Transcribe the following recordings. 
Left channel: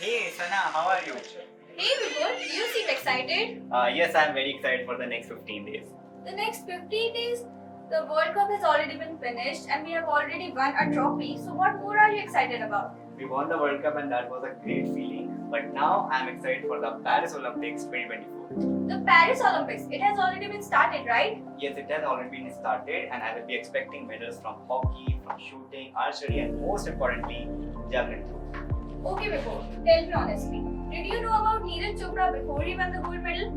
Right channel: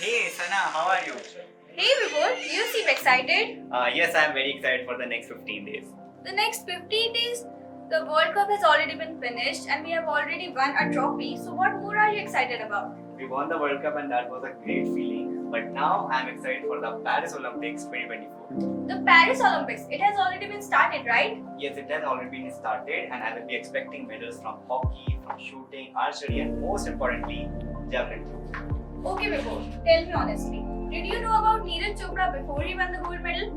Hey Sana, how are you? Hey Vibhor, you seem excited. Yes, I'm very excited for the next 15 days. The next 15 days, the World Cup has already been finished and we have already won a trophy. So, what more are you excited about? We won the World Cup and that was a great feeling. But now I'm excited for the Paris Olympics 2024. The Paris Olympics, it has already been started, right? Yes, it has already been started and I will be expecting medals from hockey, from shooting, archery and most importantly, javelin throw. Okay, Vibhor, tell me honestly. Did you know about Neeraj Chopra before he won the gold medal?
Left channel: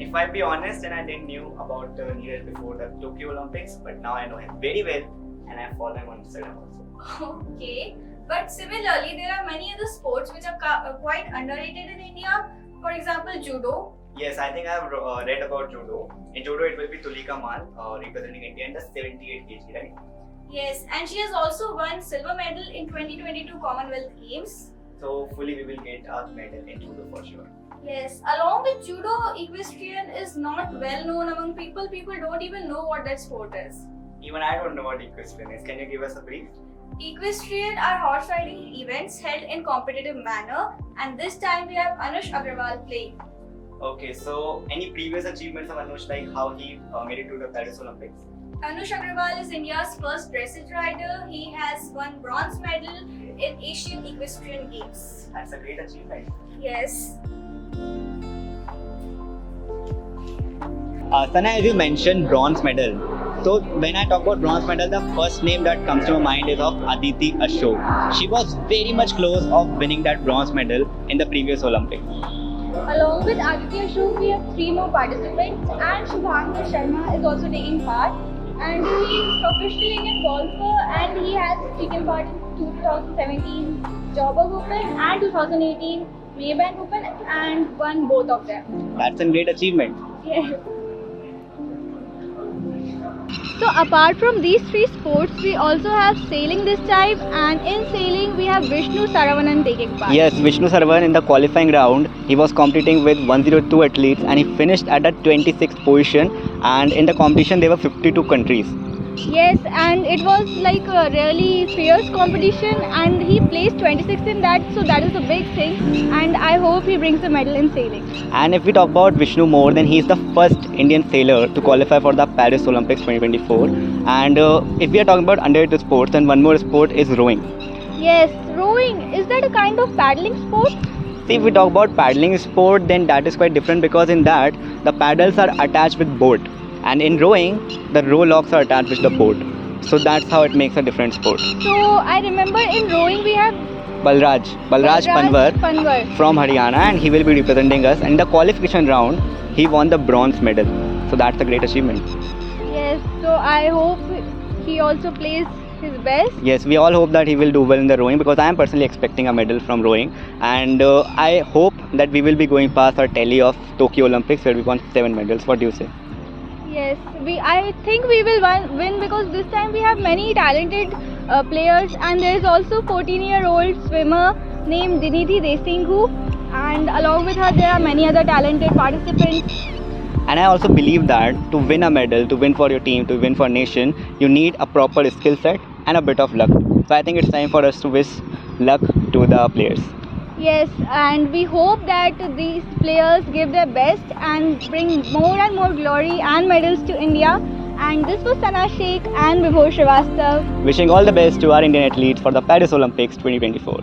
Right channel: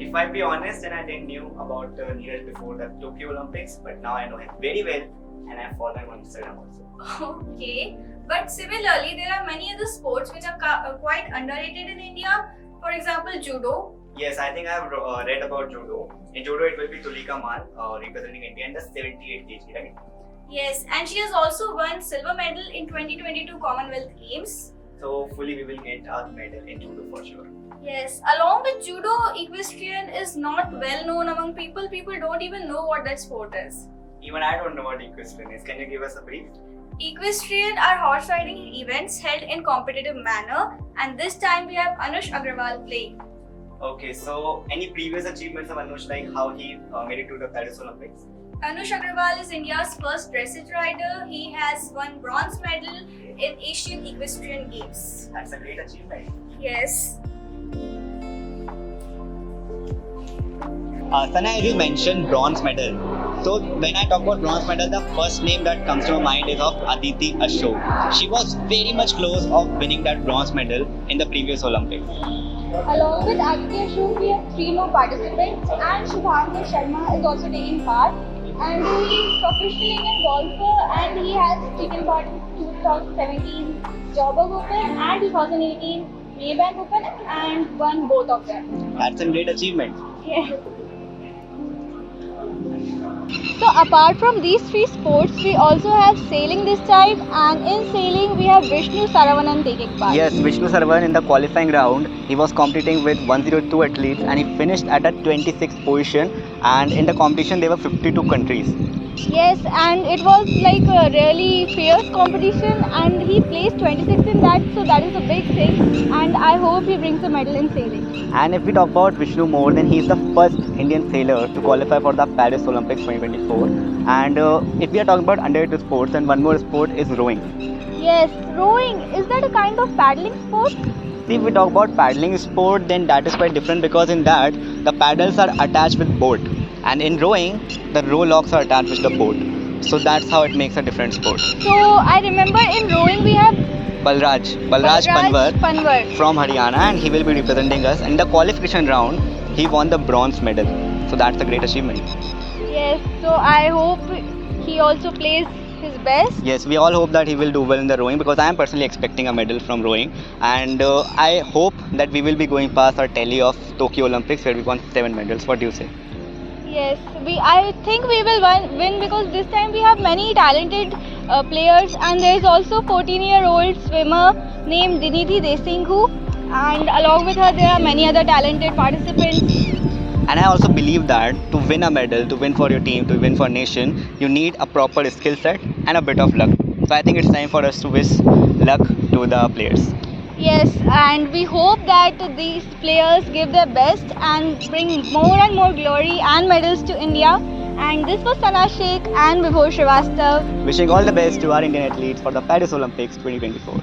If I be honest, then I didn't knew about Neeraj before the Tokyo Olympics, but now I know him very well and I follow him on Instagram also. Okay, but similarly, there are many other sports which are quite underrated in India. For example, judo. Yes, I think I have read about judo. In judo, it will be Tulika Man representing India in the 78 kg, right? Yes, and she has also won silver medal in 2022 Commonwealth Games. So, hopefully, we will get a medal in judo for sure. Yes, along with judo, equestrian is not well known among people. People don't even know what that sport is. Even I don't know what equestrian is. Can you give us a brief? Equestrian are horse riding events held in competitive manner, and this time we have Anush Agrawal playing. Okay, so any previous achievements of Anush, like how he made it to the Paris Olympics? Anush Agrawal is India's first dressage rider. He has won bronze medal in Asian Equestrian Games. That's a great achievement. Yes. Sana, as you mentioned bronze medal. So when I talk about bronze medal, the first name that comes to my mind is of Aditi Ashok. She was very much close of winning that bronze medal in the previous Olympics. Along with Aditya Ashok, we have three more participants, and Shubhankar Sharma is also taking part. And he is professional Indian golfer, and he has taken part in 2017 Joburg Open and 2018 Maybank Open, and won both of them. That's a great achievement. Yeah. So apart from these three sports, we also have sailing this time, and in sailing we have Vishnu Saravanan taking part. Yes, Vishnu Sarwan in the qualifying round, he was competing with 102 athletes and he finished at the 26th position, and in the competition there were 52 countries. Yes, and it was like a really fierce competition, and he placed 26th in that, so that is a big thing, and I hope he brings a medal in sailing. And if we talk about Vishnu more, then he is the first Indian sailor to qualify for the Paris Olympics 2024. And if we are talking about underrated sports, then one more sport is rowing. Yes, rowing, is that a kind of paddling sport? See, if we talk about paddling sport, then that is quite different because in that the paddles are attached with boat, and in rowing the row locks are attached with the boat. So that's how it makes a different sport. So I remember in rowing we have Balraj Panwar. from Haryana, and he will be representing us. And in the qualification round, he won the bronze medal. So that's a great achievement. Yes, so I hope he also plays his best. Yes, we all hope that he will do well in the rowing because I am personally expecting a medal from rowing. And I hope that we will be going past our tally of Tokyo Olympics where we won 7 medals. What do you say? Yes, I think we will win because this time we have many talented players, and there is also 14-year-old swimmer named Diniti Desinghu, and along with her there are many other talented participants. And I also believe that to win a medal, to win for your team, to win for nation, you need a proper skill set and a bit of luck. So I think it's time for us to wish luck to the players. Yes, and we hope that these players give their best and bring more and more glory and medals to India. And this was Sana Sheikh and Vibhor Srivastav. Wishing all the best to our Indian athletes for the Paris Olympics 2024.